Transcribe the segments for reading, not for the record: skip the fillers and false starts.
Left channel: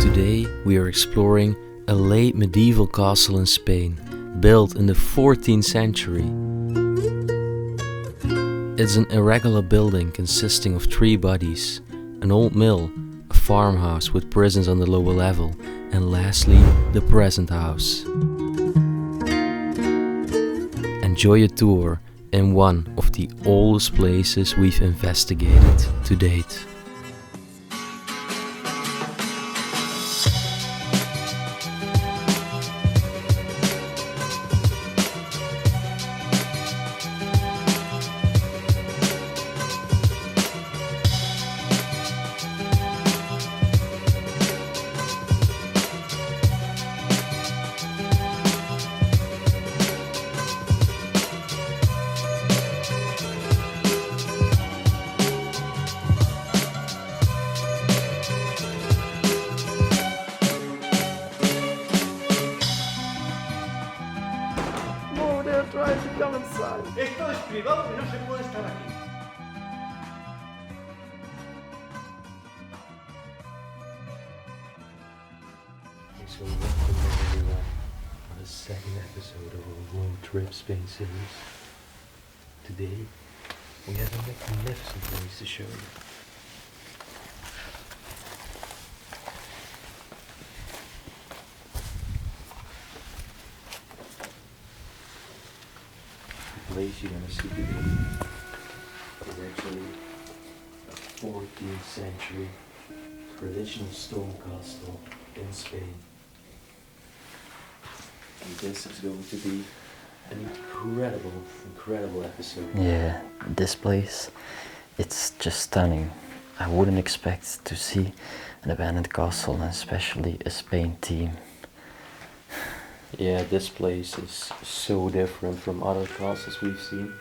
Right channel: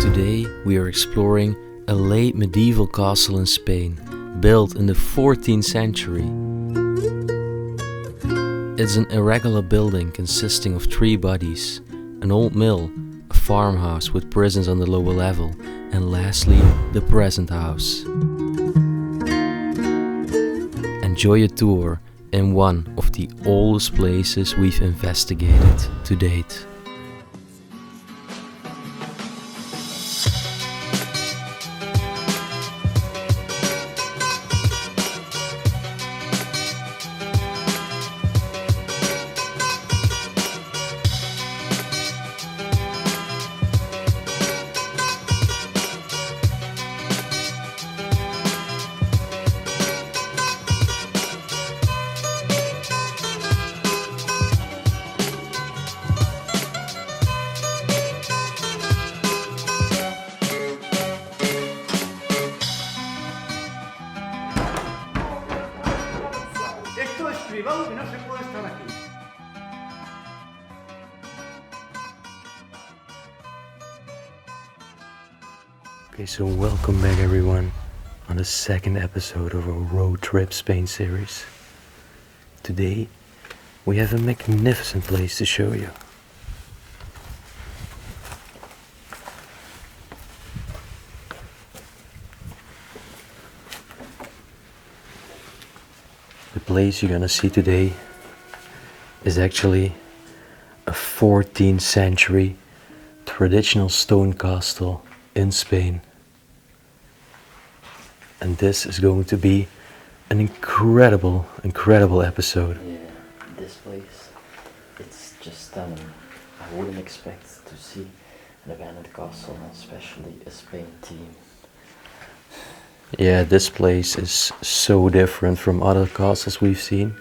Today we are exploring a late medieval castle in Spain, built in the 14th century. It's an irregular building consisting of 3 bodies, an old mill, a farmhouse with prisons on the lower level, and lastly, the present house. Enjoy a tour in one of the oldest places we've investigated to date. Esto es privado y no se puede estar aquí. Okay, so welcome back everyone on the second episode of our Road Trip Spain series. Today we have a magnificent place to show you. The place you're gonna see today is actually a 14th century traditional stone castle in Spain. And this is going to be an incredible episode. Yeah, this place, it's just stunning. I wouldn't expect to see an abandoned castle, and especially a Spain theme. Yeah, this place is so different from other castles we've seen.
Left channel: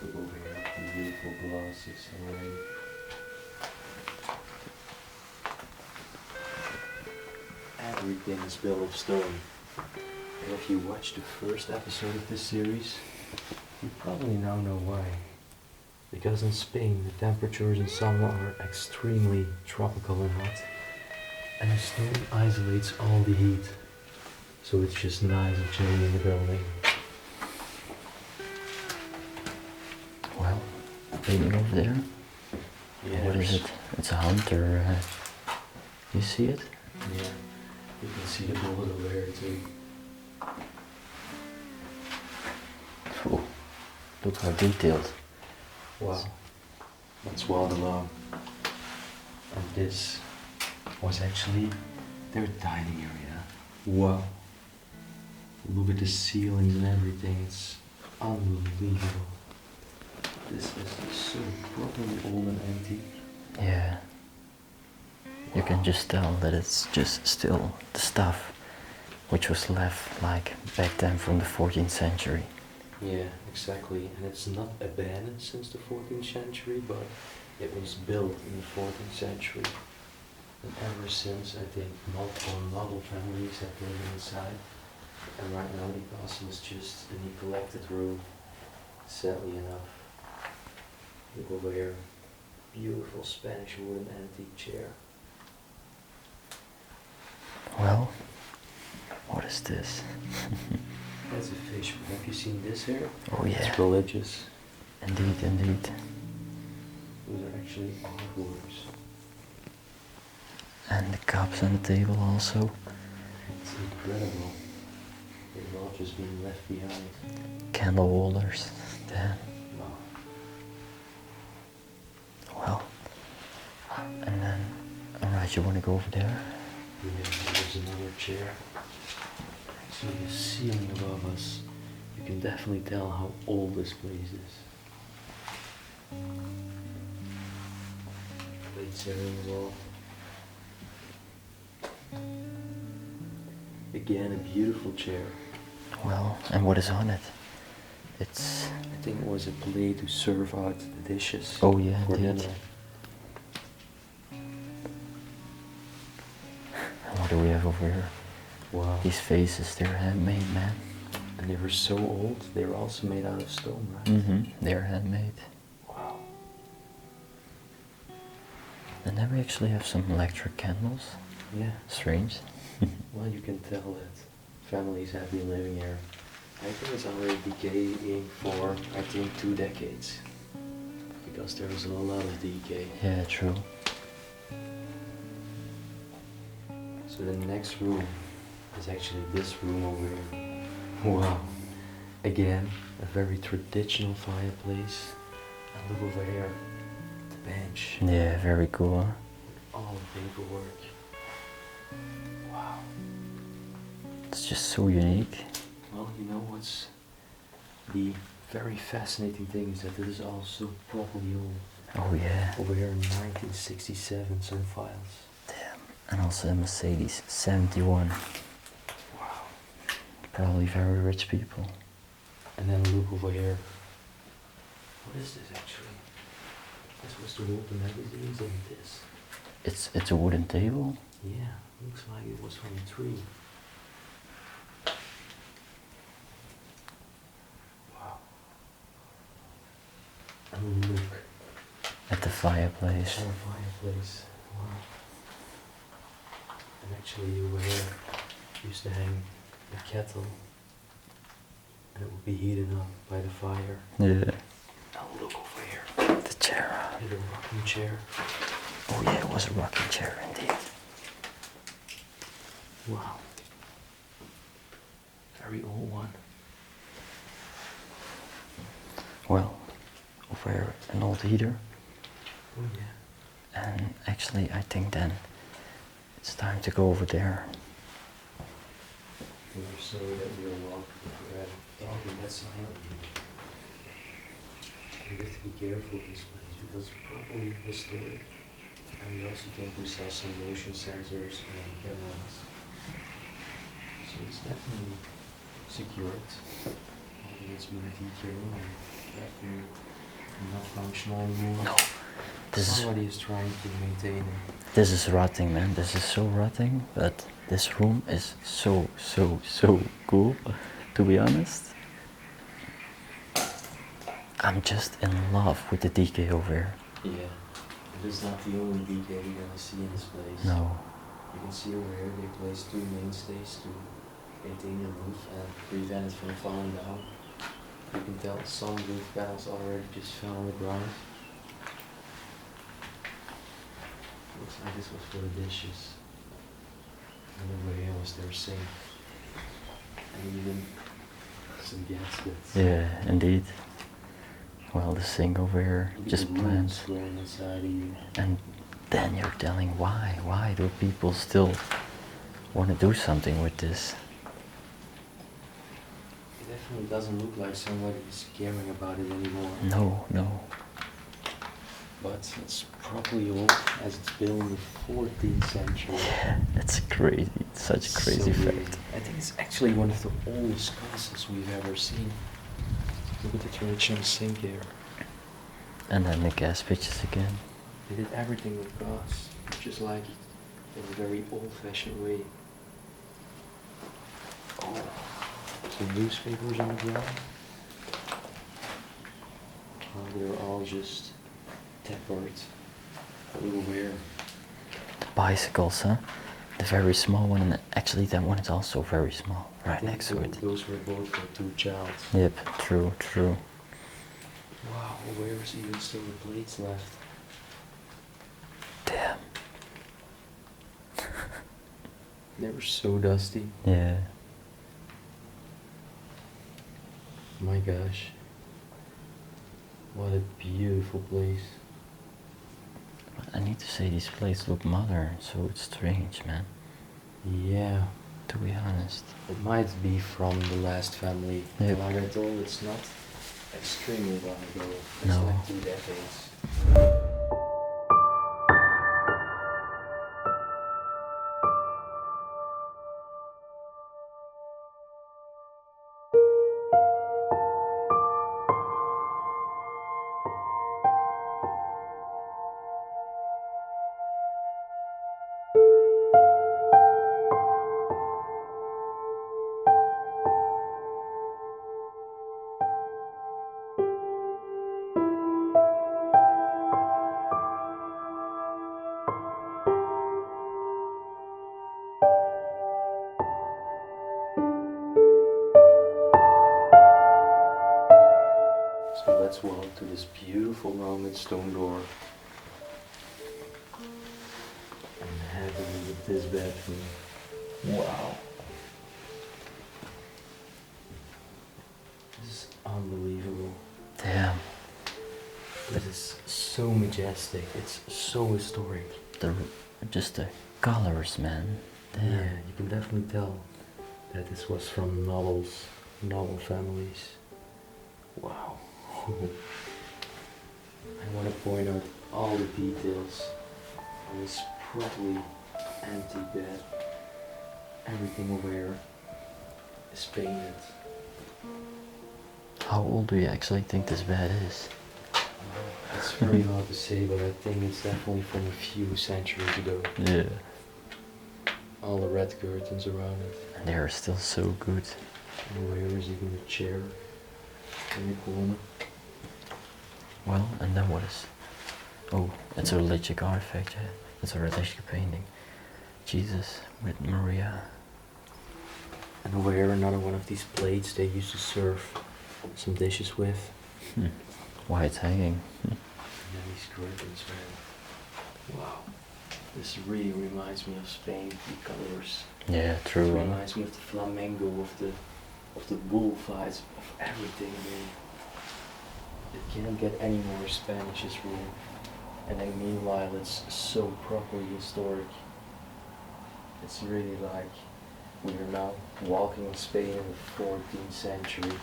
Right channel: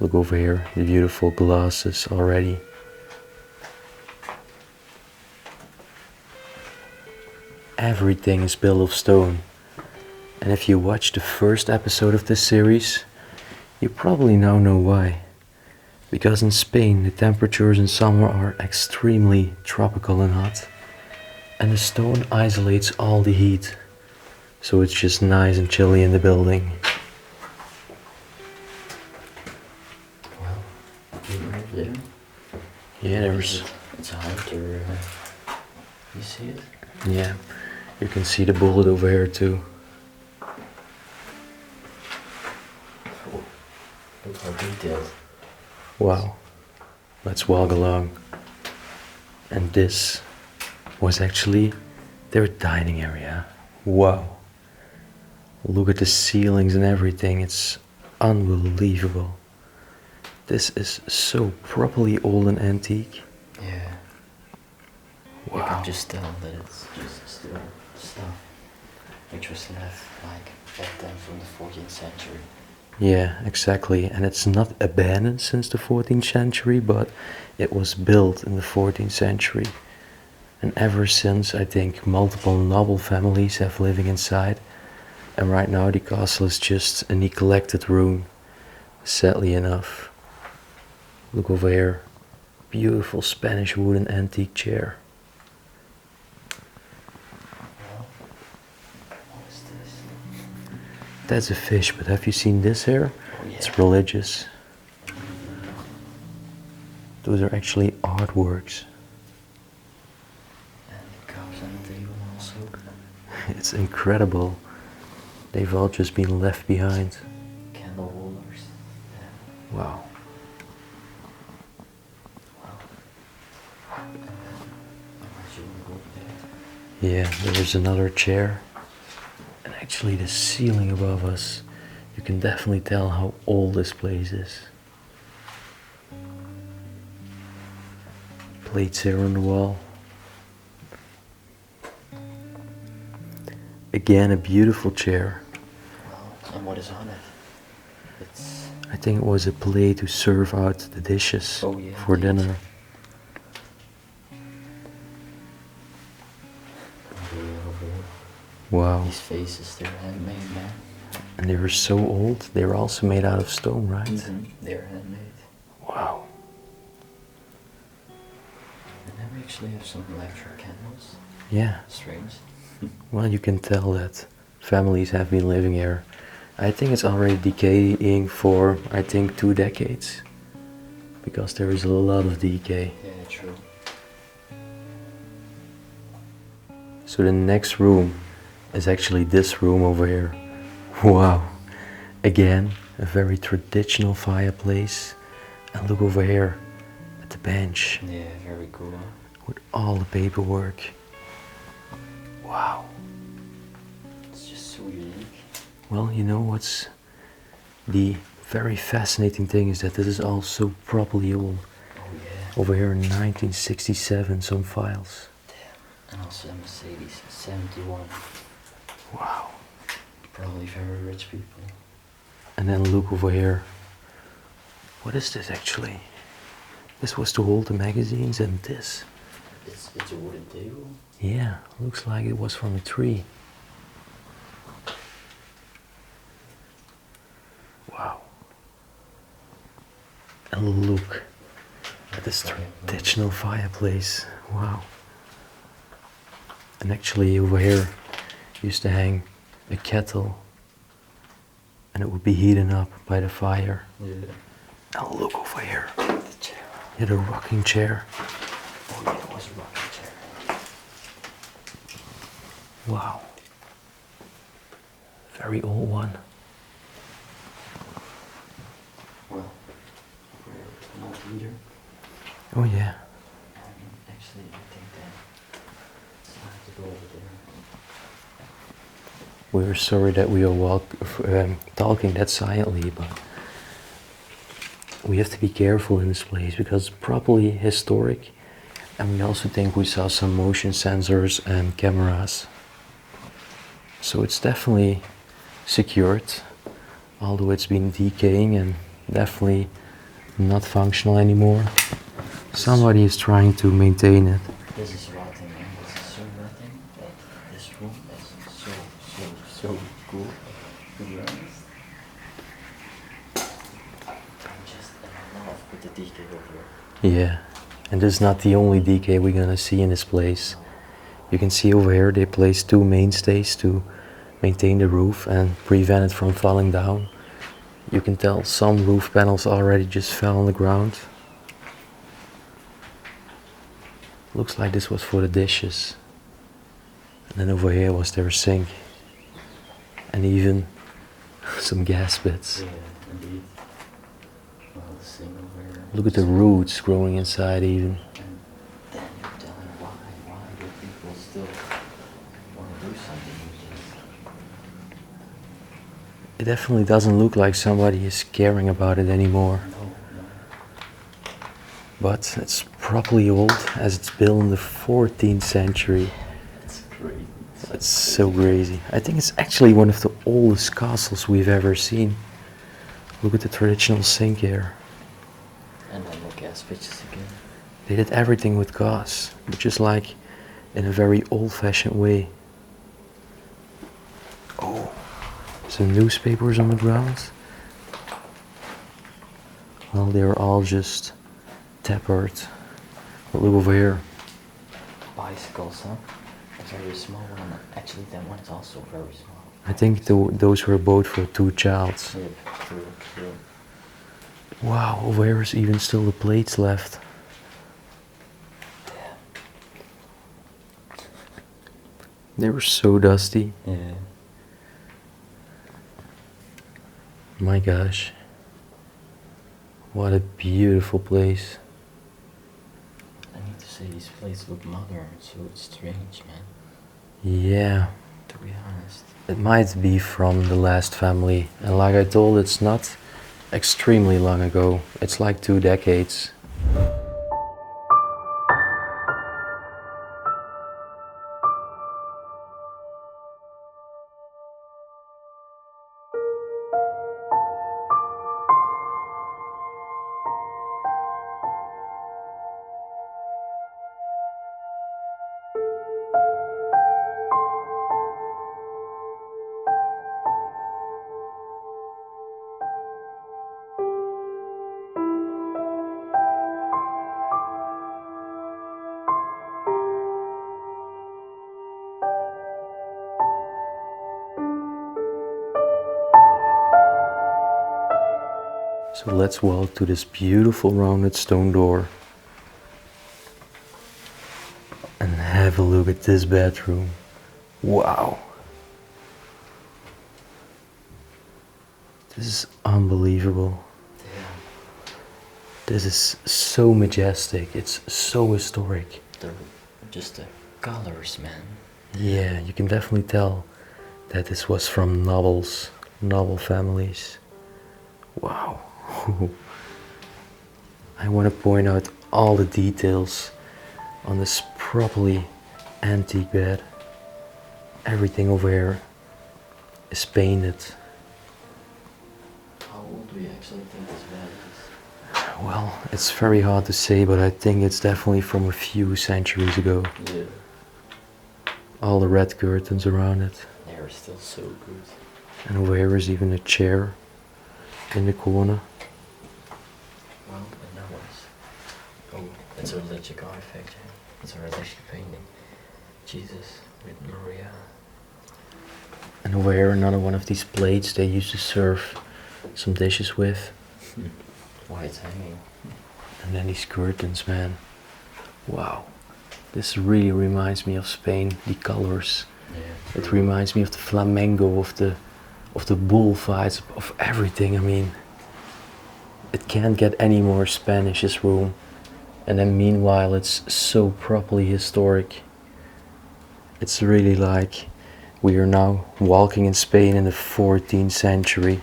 Look over here, the beautiful glasses already. Everything is built of stone. And if you watched the first episode of this series, you probably now know why. Because in Spain, the temperatures in summer are extremely tropical and hot. And the stone isolates all the heat. So it's just nice and chilly in the building. Well, over there. Yeah, there's... It's a hunter. You see it? Yeah, you can see the bullet over here too. Oh, look how detailed. Wow. Let's walk along. And this was actually their dining area. Wow. Look at the ceilings and everything, it's unbelievable. This is so properly old and antique. Yeah. Wow. You can just tell that it's just still the stuff which was left like back then from the 14th century. Yeah, exactly. And it's not abandoned since the 14th century, but it was built in the 14th century. And ever since, I think multiple noble families have living inside. And right now the castle is just a neglected room, sadly enough. Look over here, beautiful Spanish wooden antique chair. Well, what is this? That's a fish, but have you seen this here? Oh yeah. It's religious. Indeed. Those are actually artworks. And the cups on the table also. It's incredible. They've all just been left behind. Candle holders. Damn. Wow. Well. And then, alright, you want to go over there? Yeah, there's another chair. And actually the ceiling above us, you can definitely tell how old this place is. Plates here on the wall. Again, a beautiful chair. Well, and what is on it? It's... I think it was a plate to serve out the dishes Oh, yeah, for indeed. dinner. And what do we have over here? Wow. These vases, they're handmade, man. And they were so old, they were also made out of stone, right? They're handmade. Wow. And then we actually have some electric candles. Yeah. Strange. Well, you can tell that families have been living here. I think it's already decaying for, I think, 2 decades. Because there is a lot of decay. Yeah, true. So the next room is actually this room over here. Wow. Again, a very traditional fireplace. And look over here at the bench Yeah, very cool. Huh? with all the paperwork. Wow. It's just so unique. Well, you know what's the very fascinating thing is that this is all so properly old. Oh yeah. Over here in 1967, some files. And also a Mercedes 71. Wow. Probably very rich people. And then look over here. What is this actually? This was to hold the magazines and this. It's a wooden table. Yeah, looks like it was from a tree. Wow. And look At the fireplace. traditional fireplace. Wow. And actually over here used to hang a kettle and it would be heating up by the fire. Yeah. And look over here. The chair. Yeah, the rocking chair. Oh yeah, it was a rocking chair indeed. Wow. Very old one. Well, over here an old heater. Oh yeah. And actually I think then it's time to go over there. We're sorry that we are talking that silently, but we have to be careful in this place because it's properly historic. And we also think we saw some motion sensors and cameras. So it's definitely secured, although it's been decaying and definitely not functional anymore. Somebody is trying to maintain it. This is rotting, man. This is so rotting, but this room is so cool, to be honest. I'm just in love with the decay over here. Yeah, and this is not the only decay we're gonna see in this place. No. You can see over here they placed 2 mainstays to maintain the roof and prevent it from falling down. You can tell some roof panels already just fell on the ground. Looks like this was for the dishes. And then over here was their sink. And even some gas bits. Yeah, indeed. Well, the sink over here. Look at the just roots growing inside even. And then you're telling why? Why do people still want to do something with this? It definitely doesn't look like somebody is caring about it anymore. No, no. But it's properly old as it's built in the 14th century. Yeah, that's crazy. It's such It's crazy so fact. crazy. I think it's actually one of the oldest castles we've ever seen. Look at the traditional sink here. And then the gas pitches again. They did everything with gas, but just like in a very old-fashioned way. Oh, some newspapers on the ground. Well, they're all just tapered. But look over here. Bicycles, huh? The very small one, and actually that one is also very small. I Right think next to it. those were both for 2 childs. Yep, true, true. Wow, over here is even still the plates left. Damn. They were so dusty. Yeah. My gosh. What a beautiful place. I need to say these plates look modern, so it's strange, man. Yeah, To be honest. it might be from the last family. And like I told, it's not extremely long ago. It's No. like 2 decades. So let's walk to this beautiful rounded stone door and have a look at this bedroom. Wow. This is unbelievable. Damn. This is so majestic. It's so historic. Just the colors, man. Yeah, you can definitely tell that this was from noble families. Wow. I want to point out all the details on this properly antique bed. Everything over here is painted. How old do you actually think this bed is? Well, it's very hard to say, but I think it's definitely from a few centuries ago. Yeah. All the red curtains around it. And they are still so good. And over here is even a chair in the corner. Well, and that was... Oh, it's a religious artifact, yeah. It's a religious painting. Jesus with Maria. And over here another one of these plates they used to serve some dishes with. Why it's hanging. And then these curtains, man. Wow. This really reminds me of Spain, the colors. Yeah, true. It reminds me of the flamenco, of the bullfights, of everything. I mean, it can't get any more Spanish, this room. And then meanwhile it's so properly historic. It's really like we are now walking in Spain in the 14th century.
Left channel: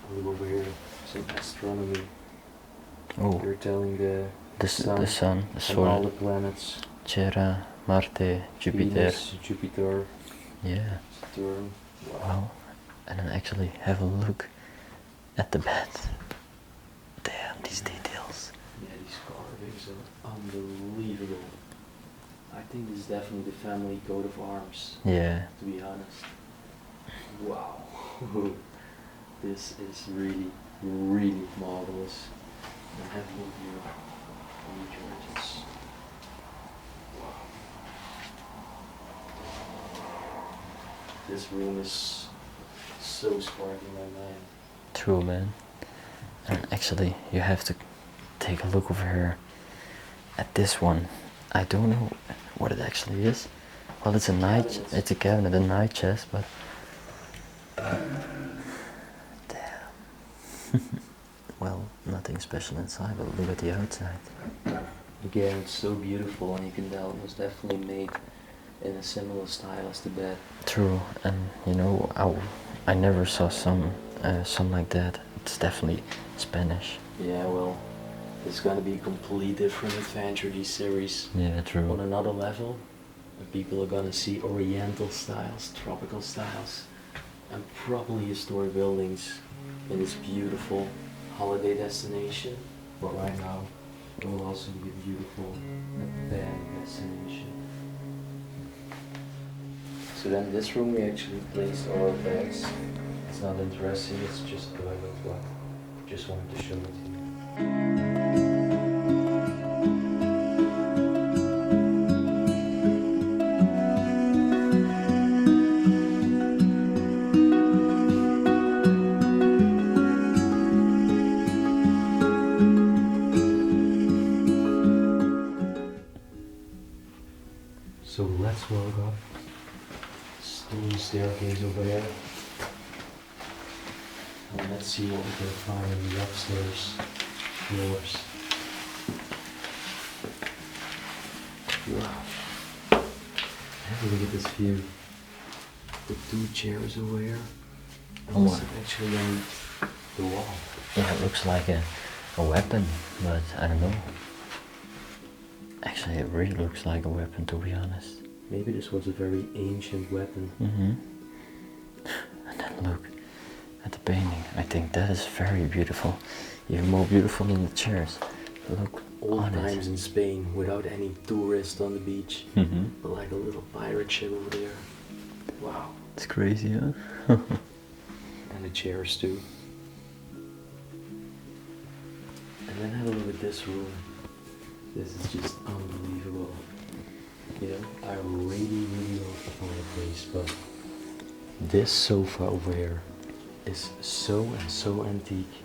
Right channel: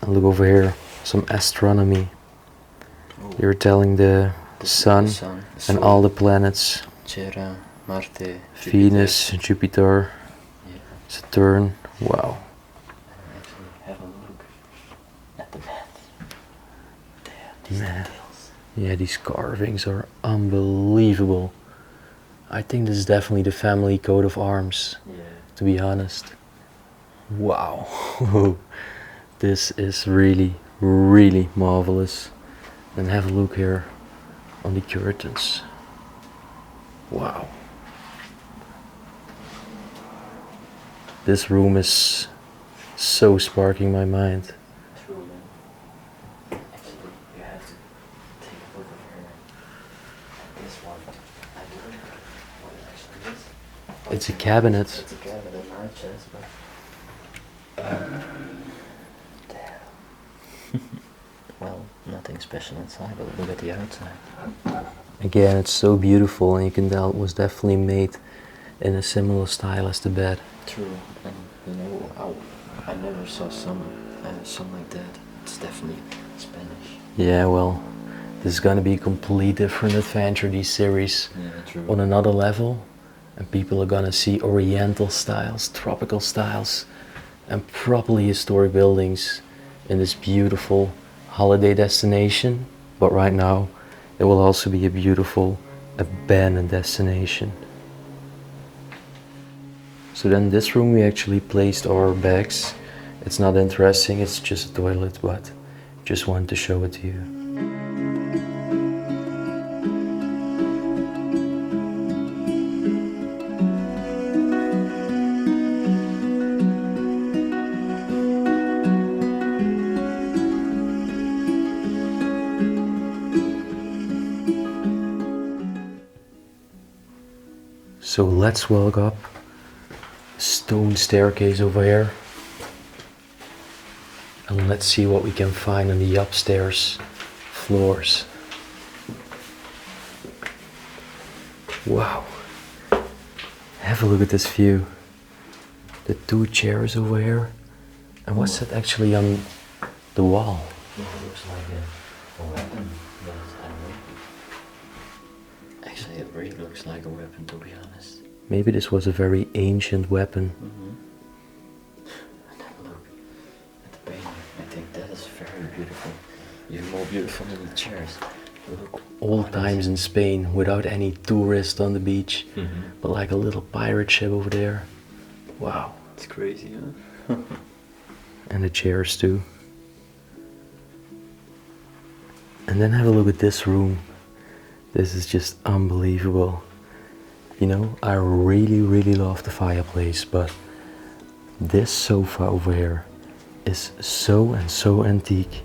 And look over here, some astronomy. Oh. You're telling the sun, the and Sol, all the planets. Terra, Marte, Venus, Jupiter, Yeah. Saturn. Wow. And then actually have a look at the bed. Damn, these Man. details. Yeah, these carvings are unbelievable. I think this is definitely the family coat of arms, Yeah. to be honest. Wow. This is really, really marvelous. And have a look here on the curtains. Wow. This room is so sparking my mind. True, man. And actually, you have to take a look over here at this one. I don't know what it actually is. Well, It's a night- cabinet. It's a cabinet, a night chest, but... Well, nothing special inside, but look at the outside. Again, it's so beautiful, and you can tell it was definitely made in a similar style as the bed. True, and you know, I never saw some like that. It's definitely Spanish. Yeah, well, this is gonna be a completely different adventure, these series, Yeah, true. on another level. And people are gonna see oriental styles, tropical styles, and properly historic buildings in this beautiful holiday destination. But right now, it will also be a beautiful abandoned destination. So then in this room we actually placed our bags. It's not interesting, it's just a toilet, but just wanted to show it to you. So let's walk up stone staircase over here, and let's see what we can find on the upstairs floors. Wow, have a look at this view. The two chairs over here, and what's that actually on the wall? Yeah, it looks like a weapon, but I don't know. Actually, it really looks like a weapon, to be honest. Maybe this was a very ancient weapon. And then look at the painting. I think that is very beautiful. Even more beautiful than the chairs. Look, Old times in Spain, without any tourists on the beach, Mm-hmm. but like a little pirate ship over there. Wow. It's crazy, huh? And the chairs too. And then have a look at this room. This is just unbelievable. You know, I really, really love the fireplace, but this sofa over here is so and so antique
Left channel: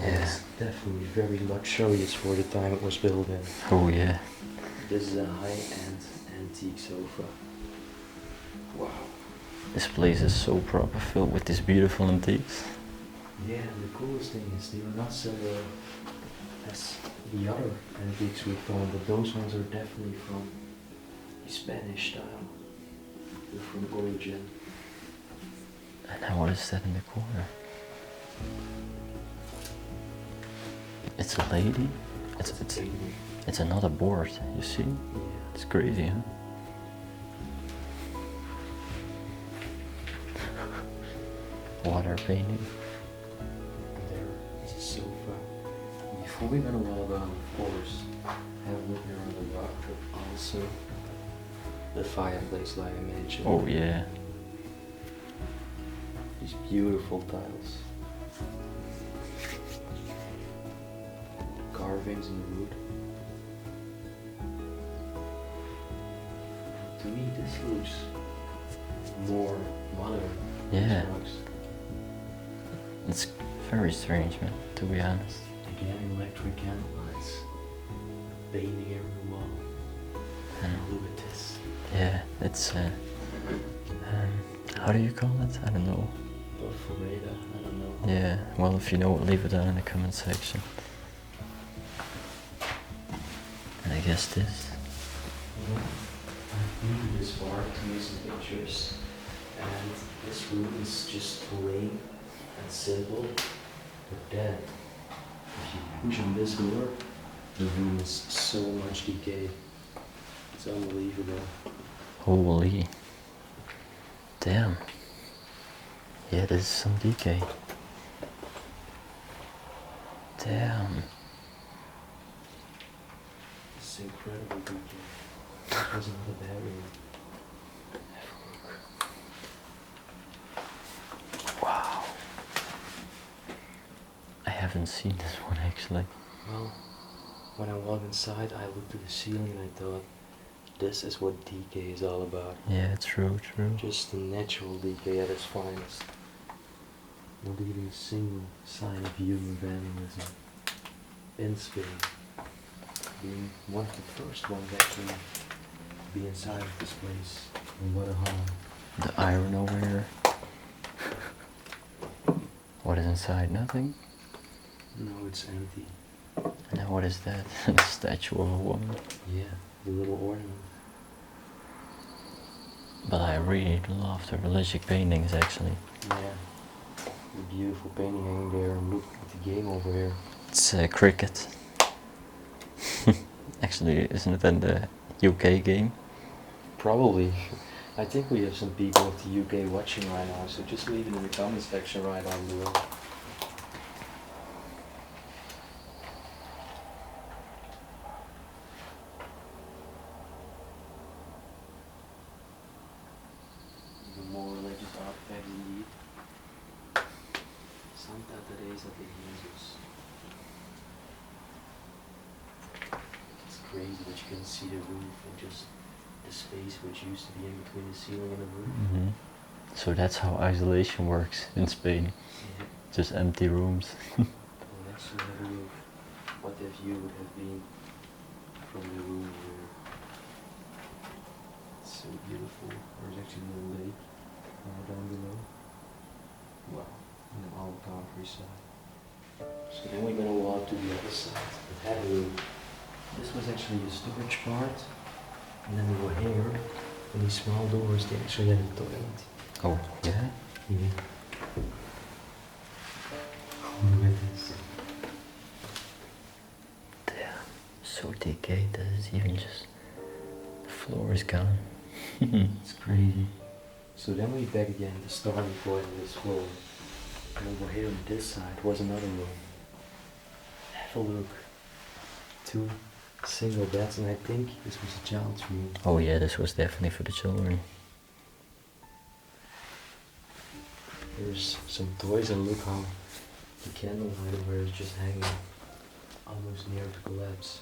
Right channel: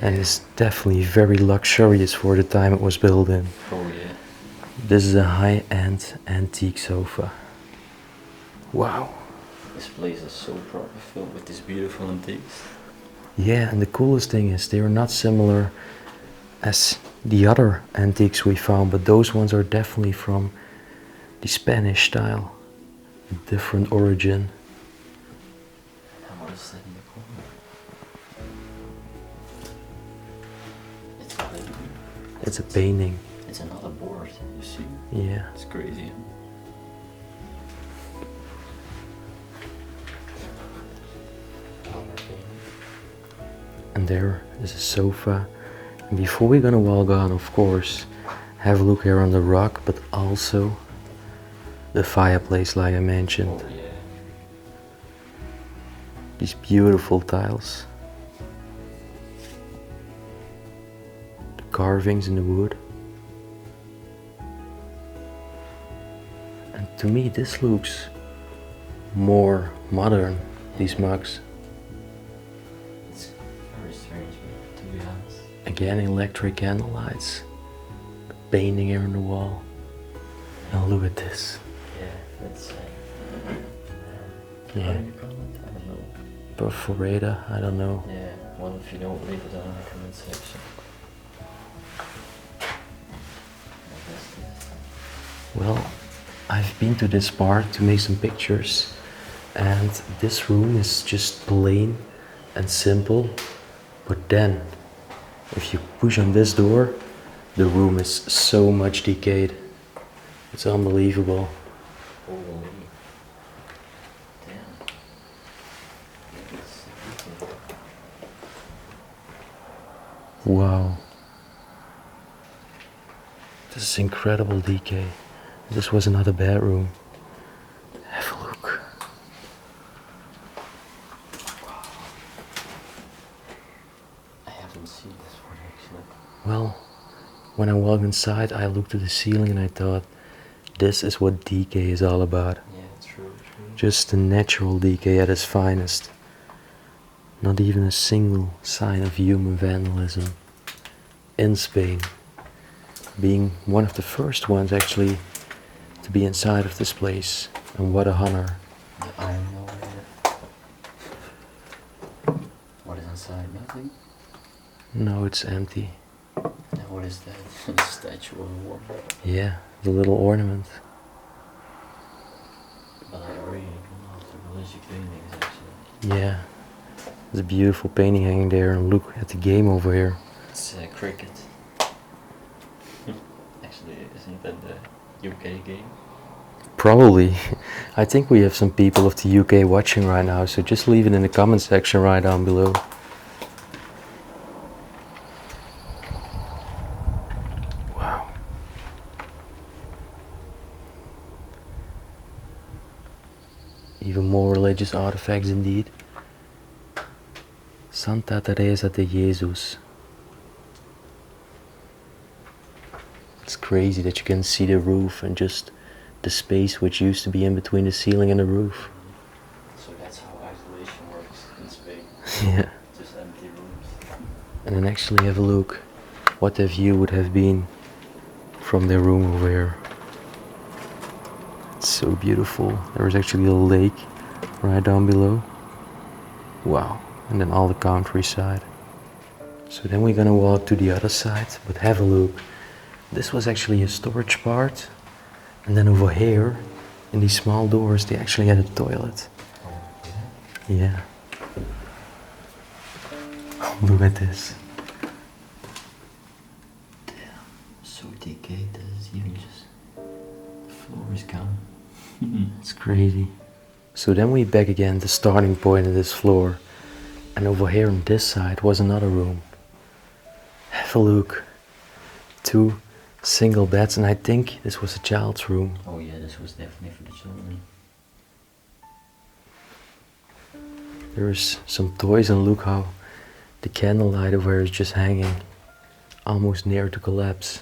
And it's definitely very luxurious for the time it was built in. Oh yeah. This is a high-end antique sofa. Wow. This place is so proper, filled with these beautiful antiques. Yeah, and the coolest thing is they are not similar as the other antiques we found, but those ones are definitely from the Spanish style. A different origin. And now what is that in the corner? It's a lady. It's a painting. It's another board, you see? Yeah. It's crazy, huh? Water painting. And there is a sofa. And before we're gonna walk on, of course, have a look here on the rock, but also the fireplace like I mentioned. Oh yeah. These beautiful tiles. The carvings in the wood. And to me this looks more modern, these Yeah. mugs. It's very strange, man, to be honest. Again, electric candle lights. The painting here on the wall. And oh, look at this. Yeah, it's how do you call it? I don't know. Perforator, I don't know. Yeah, well, if you know, leave it down in the comment section. And I guess this. Well, I've been to this part to make some pictures, and this room is just plain and simple, but then if you push on this door, the room is so much decayed. It's unbelievable. Holy. Damn. Yeah, there's some decay. Damn. Wow. This is incredible decay. This was another bedroom. Have a look. Wow. I haven't seen this one actually. Well, when I walked inside, I looked at the ceiling and I thought, this is what decay is all about. Yeah, true. Just the natural decay at its finest. Not even a single sign of human vandalism. In Spain. Being one of the first ones actually to be inside of this place. And what a honor. The iron over here. What is inside? Nothing? No, it's empty. And what is that? A statue of a woman. Yeah, the little ornament. But I really love the religious paintings actually. Yeah. There's a beautiful painting hanging there, and look at the game over here. It's cricket. Actually, isn't it in the UK game? Probably. I think we have some people of the UK watching right now, so just leave it in the comment section right down below. Wow. Even more religious artifacts indeed. Santa Teresa de Jesus. It's crazy that you can see the roof and just the space which used to be in between the ceiling and the roof. Mm-hmm. So that's how isolation works in Spain. Yeah. Just empty rooms. And then actually have a look what the view would have been from their room over here. It's so beautiful. There is actually a lake right down below. Wow. And then all the countryside. So then we're gonna walk to the other side, but have a look. This was actually a storage part. And then over here, in these small doors, they actually had a toilet. Oh, yeah? Yeah. Look at this. Damn. So decayed that it's even just... The floor is gone. It's crazy. So then we back again, the starting point of this floor. And over here on this side was another room. Have a look. 2 single beds, and I think this was a child's room. Oh yeah, this was definitely for the children. There's some toys, and look how the candlelight over here is just hanging almost near to collapse.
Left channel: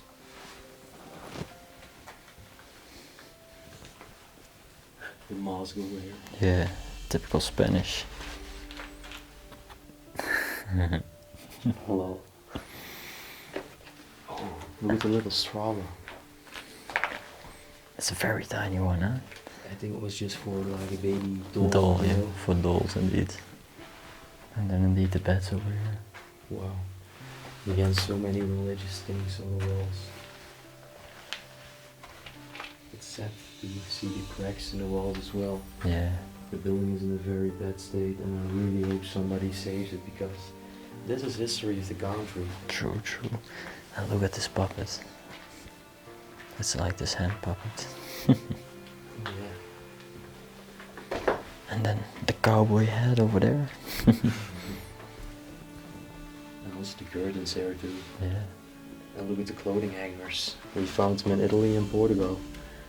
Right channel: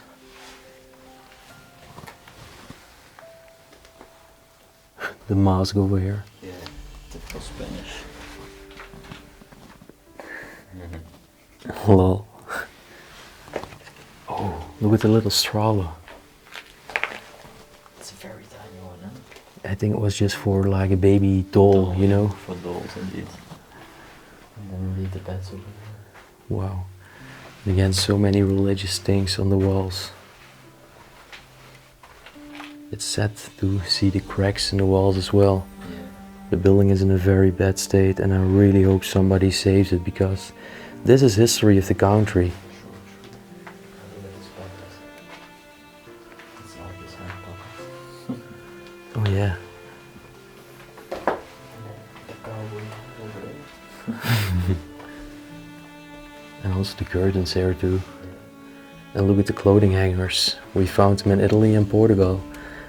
The mask over here. Yeah, typical Spanish. Lol. Oh, look at the little stroller. It's a very tiny one, huh? I think it was just for like a baby doll, you know? For dolls indeed. And then leave the beds over here. Wow. Again, so many religious things on the walls. It's sad to see the cracks in the walls as well. Yeah. The building is in a very bad state and I really hope somebody saves it because this is history of the country. True, true. And look at this puppet. It's like this hand puppet. Oh yeah. And then the cowboy hat over there. And also the curtains here too. Yeah. And look at the clothing hangers. We found them in Italy and Portugal.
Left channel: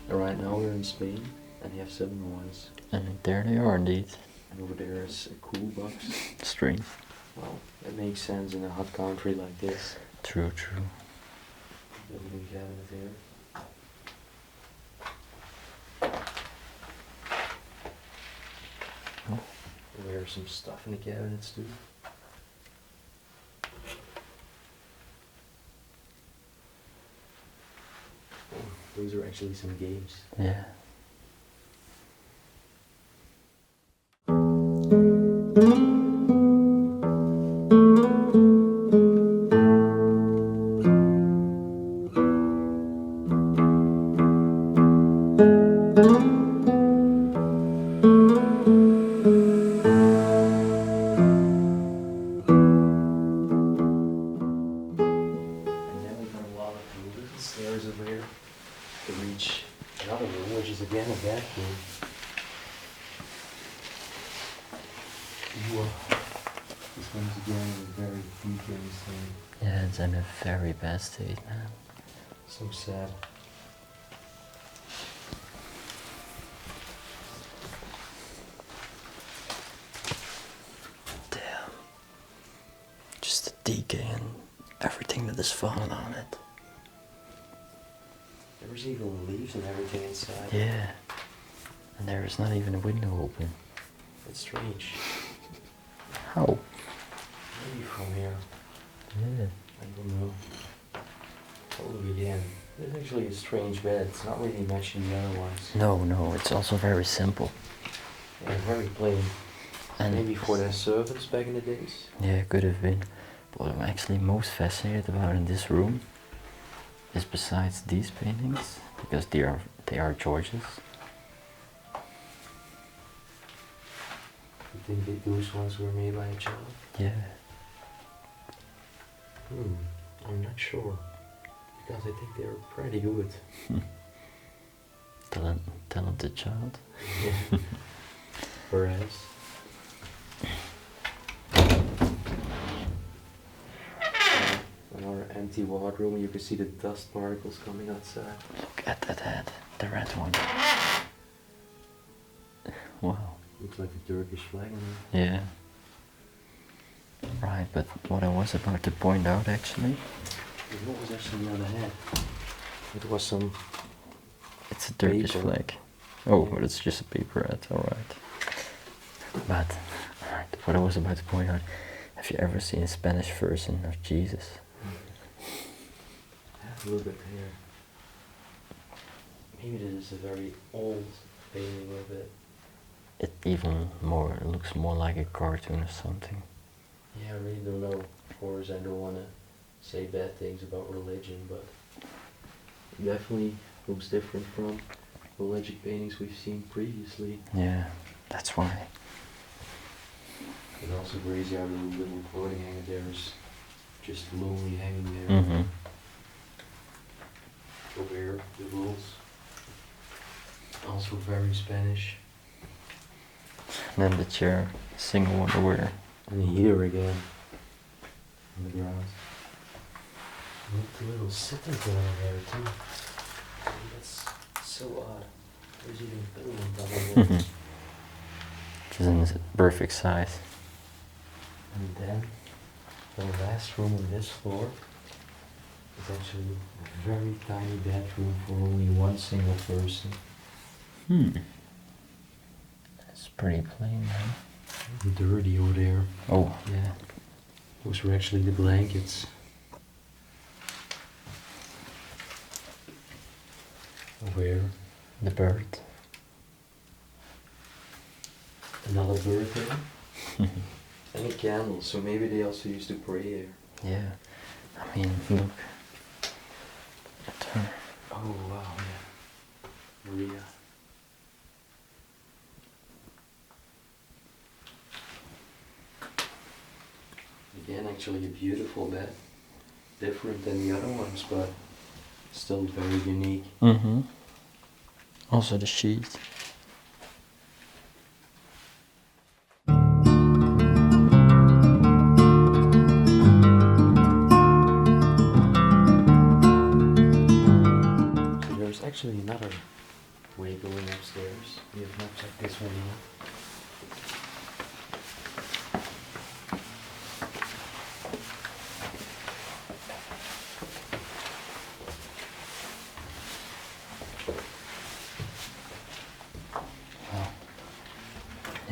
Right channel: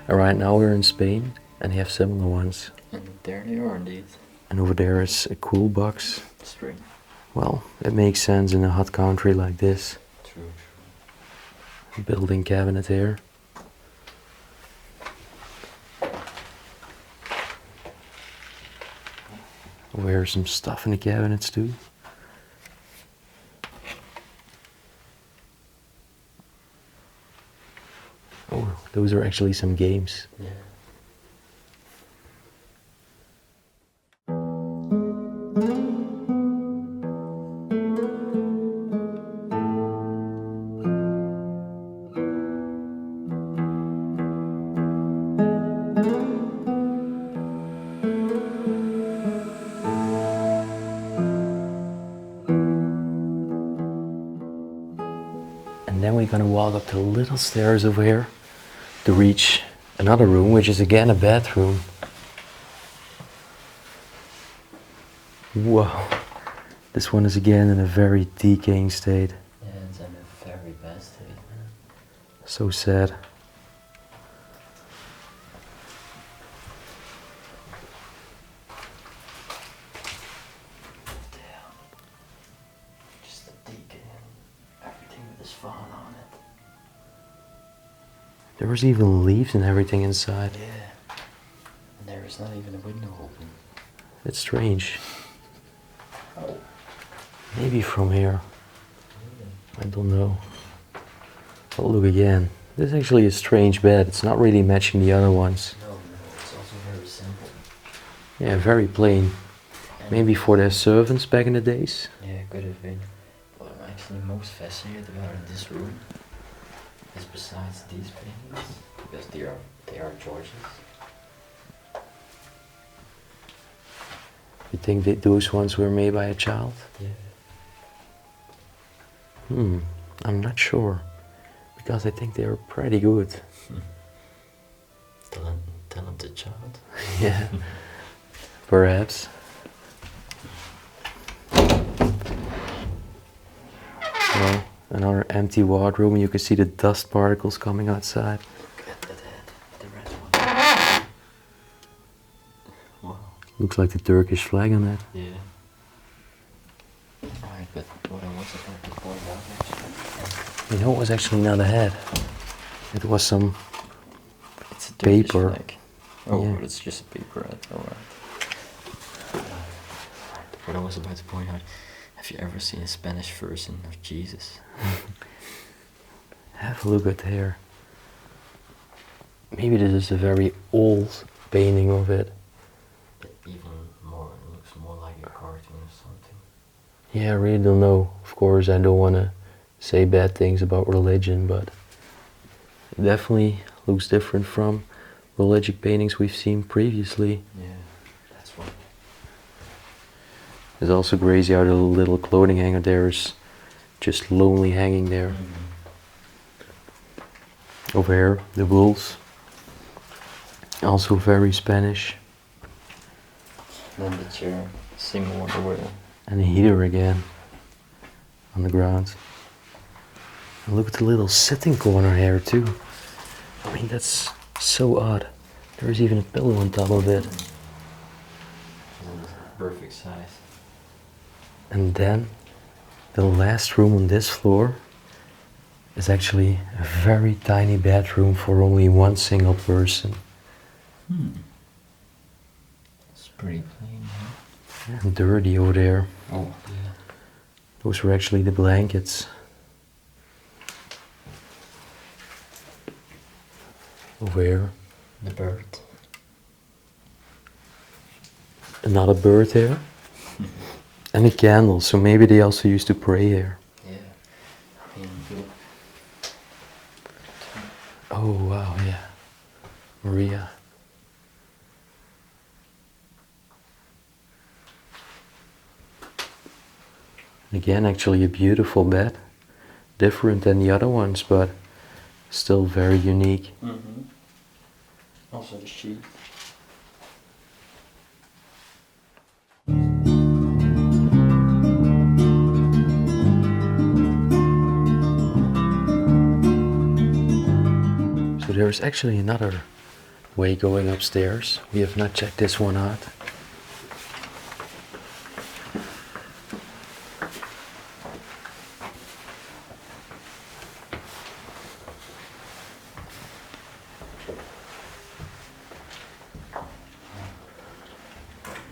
And right now we're in Spain and they have similar ones. And there they are indeed. And over there is a cool box. Strange. Well, it makes sense in a hot country like this. True, true. Building cabinet here. Over here some stuff in the cabinets too. Oh, those are actually some games. Yeah. And then we're gonna walk up the little stairs over here to reach another room, which is again a bathroom. Wow. This one is again in a very decaying state. Yeah, it's in a very bad state, man. So sad. Damn. Just the decay and everything that is fallen on it. There was even leaves and everything inside. Yeah. And there is not even a window open. It's strange. How? Maybe from here. Yeah. I don't know. Oh, look again. This is actually a strange bed. It's not really matching the other ones. No, no, it's also very simple. Yeah, very plain. And Maybe for their servants back in the days. yeah, could have been. What I'm actually most fascinated about in this room is besides these paintings, because they are George's. You think that those ones were made by a child? Yeah. I'm not sure. Because I think they are pretty good. Talented child. Yeah. Perhaps. Well, another empty wardrobe. You can see the dust particles coming outside. Look at that head, the red one. Wow. Looks like the Turkish flag on that. Yeah. Right, but what I was about to point out actually, You know, it was actually not a head. It was some it's a Turkish paper. flag. Oh, Yeah. but it's just a paper head, alright. But, alright, what I was about to point out, have you ever seen a Spanish version of Jesus? Have a look at here. Maybe this is a very old painting of it. It even more looks more like a cartoon or something. Yeah, I really don't know. Of course, I don't want to say bad things about religion, but it definitely looks different from religious paintings we've seen previously. Yeah, that's why. It's also crazy how the little clothing hanger there is just lonely hanging there. Mm-hmm. Over here, the wolves. Also very Spanish. And then the chair, single underwear. And the heater again on the ground. And look at the little sitting corner here too. I mean, that's so odd. There's even a pillow on top of it. Which is in the perfect size. And then the last room on this floor is actually a very tiny bedroom for only one single person. It's pretty plain, man. And dirty over there. Oh, yeah. Those were actually the blankets. Where? The bird. Another bird here. And a candle, so maybe they also used to pray here. Yeah. I mean, look. Turn. Oh wow, yeah. Maria. Again, actually a beautiful bed. Different than the other ones, but still very unique. Mm-hmm. Also the sheet. So there's actually another way going upstairs. We have not checked this one out.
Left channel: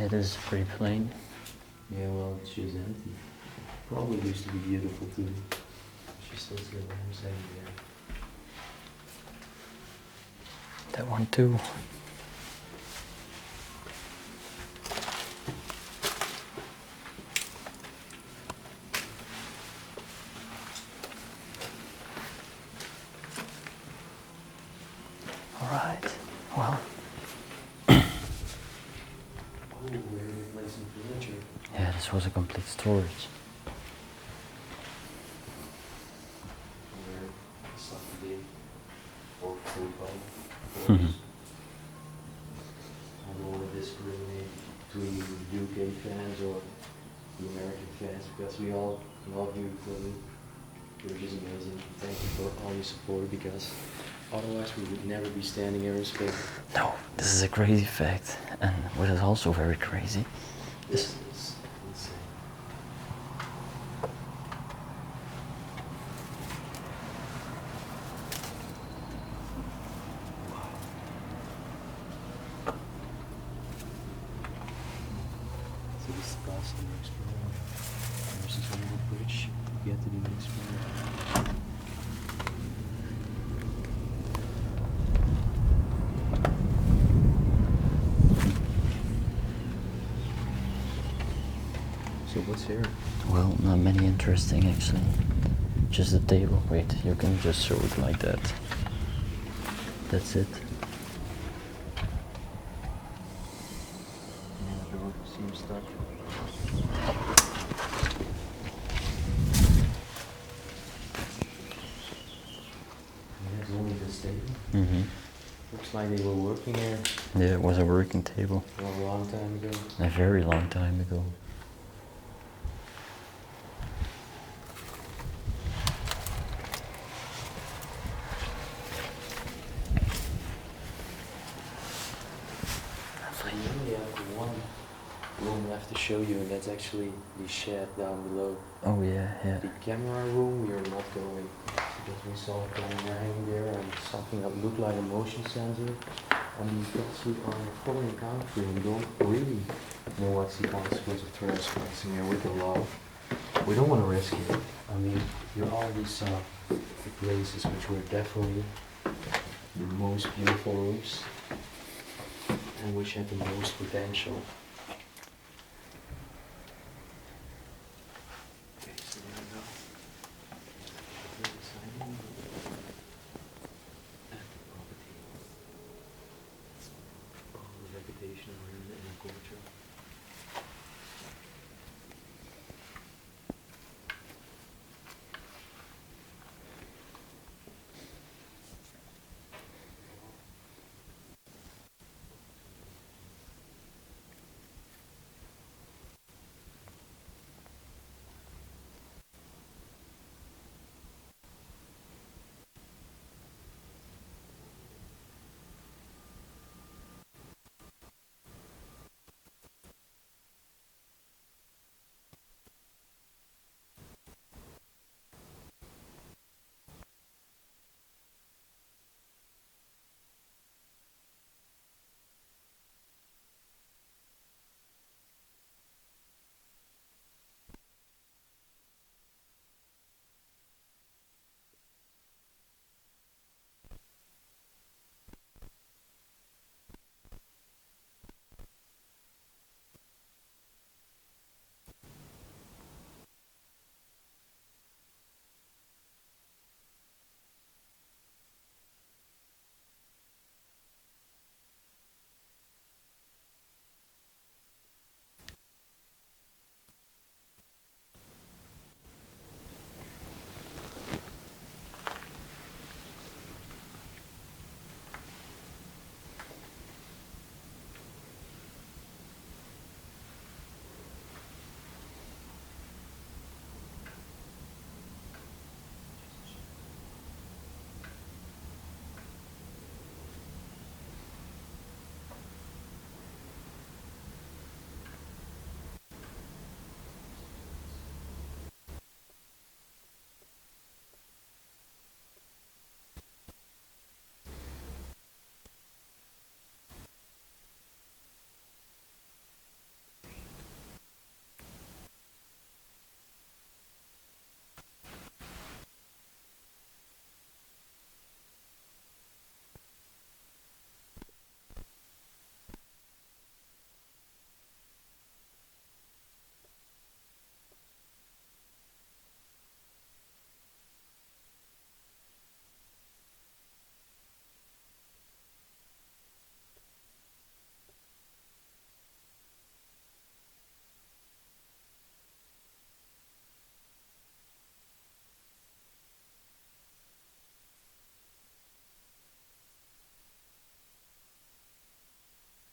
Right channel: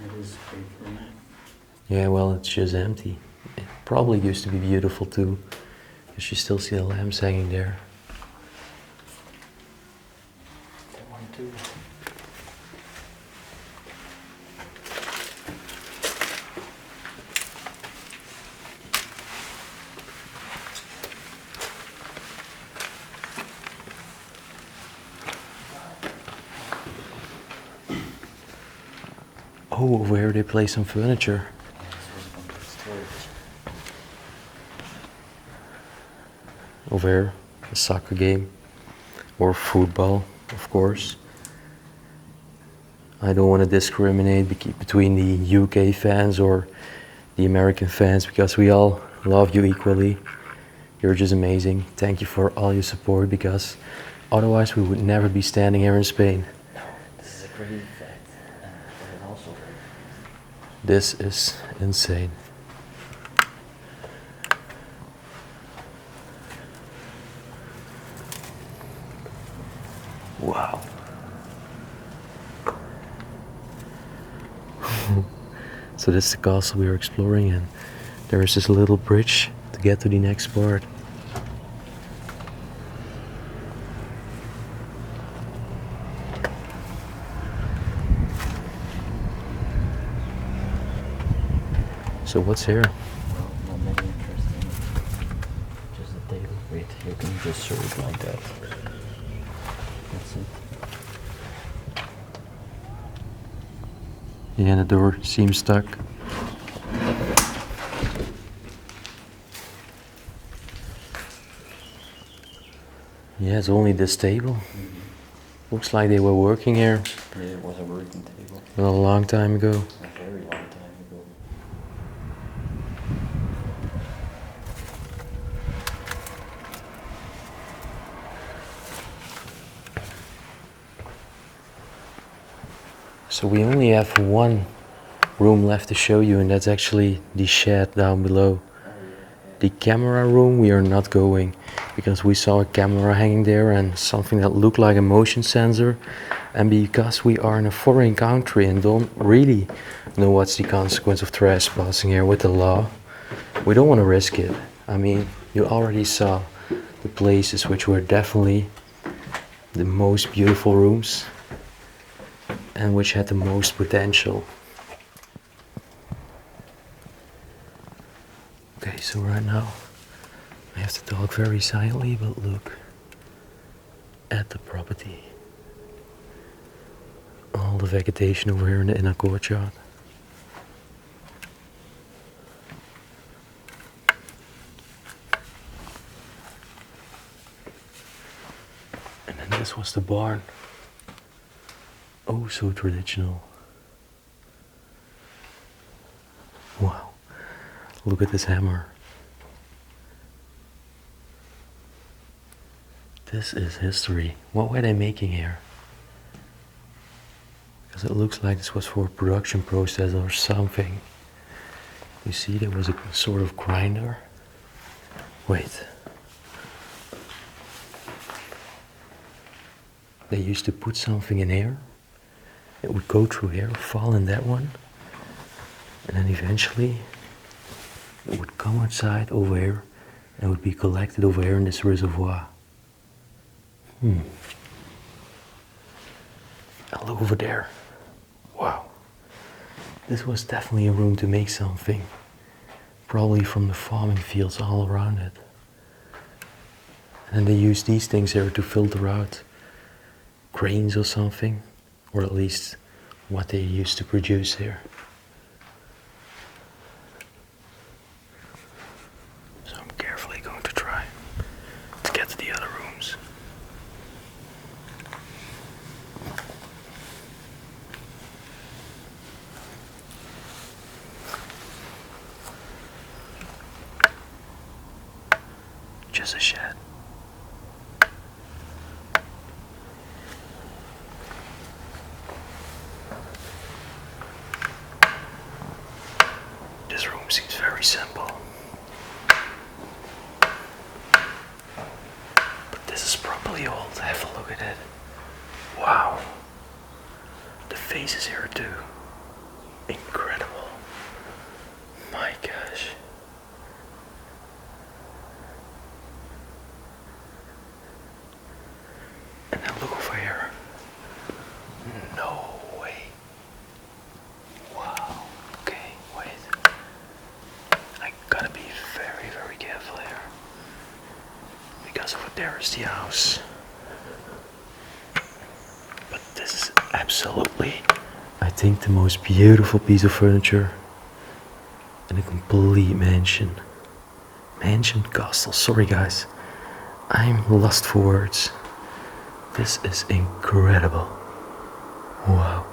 It is pretty plain. Yeah, well, it's just empty. It probably used to be beautiful too. Because you still see the lamps hanging there. That one too. Alright. Wow. Oh, over here they play some furniture. Yeah, this was a complete storage. Over here, a soccer game. Or football, of course. I don't want to discriminate between the UK fans or the American fans because we all love you equally. You're just amazing. Thank you for all your support because otherwise we would never be standing here in Spain. No, this is a crazy fact. And what is also very crazy. This is insane. Wow. So this is the castle we are exploring, and there is this little bridge to get to the next part. So what's here? Well, not many interesting actually. Just a table. Wait, you can just show it like that. That's it. Yeah, the door seems stuck. Yeah, it's only this table. Mm-hmm. Looks like they were working here Yeah, it was a working table. a long time ago. A very long time ago. So we only have one room left to show you, and that's actually the shed down below. Oh yeah, yeah. The camera room we are not going because we saw a camera hanging there and something that looked like a motion sensor, and because we are in a foreign country and don't really know what's the consequence of trespassing here with the law, we don't want to risk it. I mean, you already saw the places which were definitely the most beautiful rooms and which had the most potential. Okay, so right now I have to talk very silently, but look at the property. All the vegetation over here in the inner courtyard. And then this was the barn. Oh, so traditional. Wow, look at this hammer. This is history. What were they making here? Because it looks like this was for a production process or something. You see, there was a sort of grinder. Wait. They used to put something in here. It would go through here, fall in that one, and then eventually It would come outside over here and would be collected over here in this reservoir. And look over there. Wow. This was definitely a room to make something. Probably from the farming fields all around it. And they use these things here to filter out grains or something, or at least what they used to produce here. So I'm carefully going to try to get to the other rooms. Just a shed. This room seems very simple. But this is probably old. Have a look at it. Wow. The faces here too. Incredible. My gosh. And now look over here. No way. Wow. Okay, wait. I gotta be very, very careful here. Because over there is the house. But this is absolutely, I think, the most beautiful piece of furniture in a complete mansion. Mansion, castle. Sorry guys. I'm lost for words. This is incredible. Wow.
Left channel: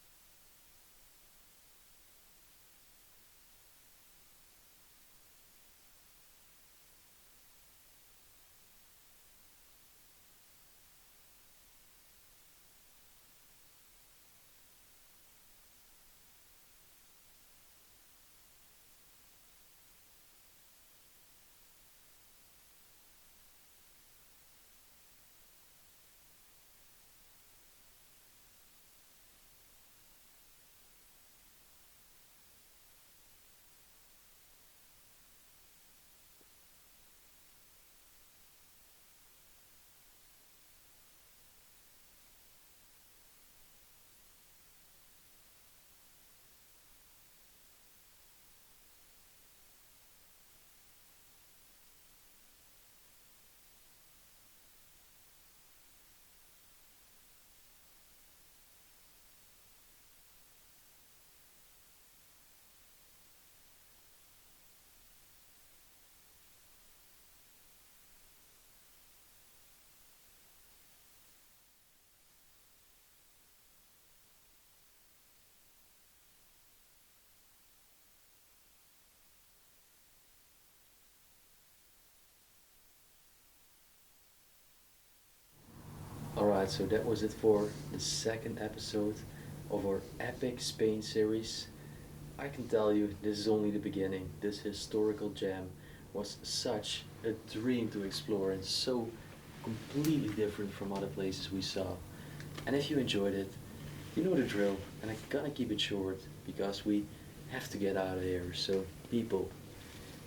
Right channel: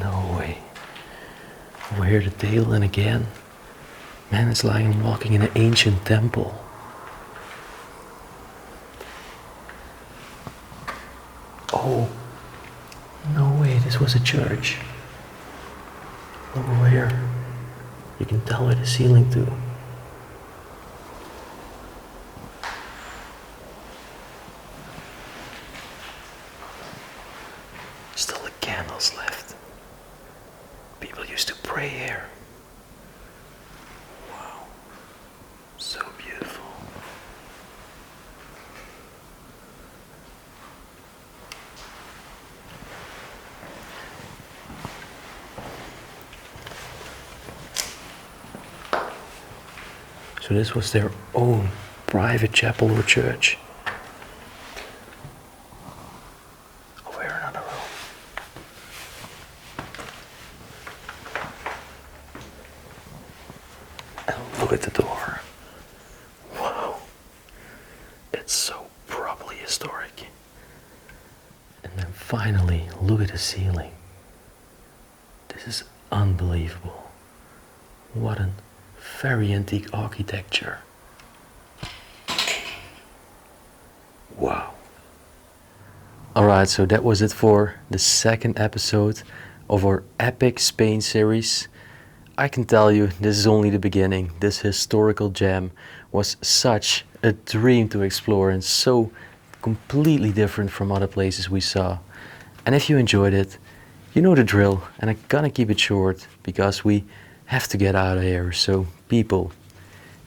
No way. Over here the dale, and again, man, it's like I'm walking in an ancient temple. Oh, no way, this was a church. Look over here. You can tell by the ceiling too. Still the candles left. People used to pray here. Wow. So beautiful. So this was their own private chapel or church. Over here another room. And look at the door. Wow. It's so properly historic. And then finally, look at the ceiling. This is unbelievable. What an very antique architecture. Wow. Alright, so that was it for the second episode of our epic Spain series. I can tell you, this is only the beginning. This historical gem was such a dream to explore and so completely different from other places we saw. And if you enjoyed it, you know the drill, and I'm gonna keep it short because we have to get out of here. So people,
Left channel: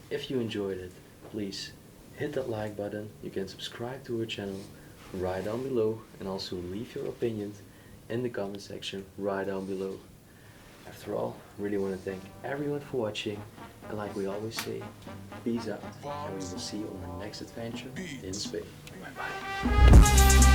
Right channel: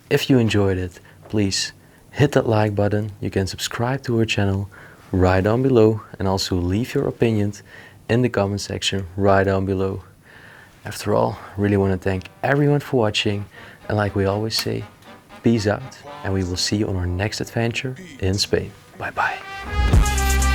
if you enjoyed it, please hit that like button. You can subscribe to our channel right down below, and also leave your opinions in the comment section right down below. After all, really want to thank everyone for watching, and like we always say, peace out, and we will see you on our next adventure in Spain. Bye bye.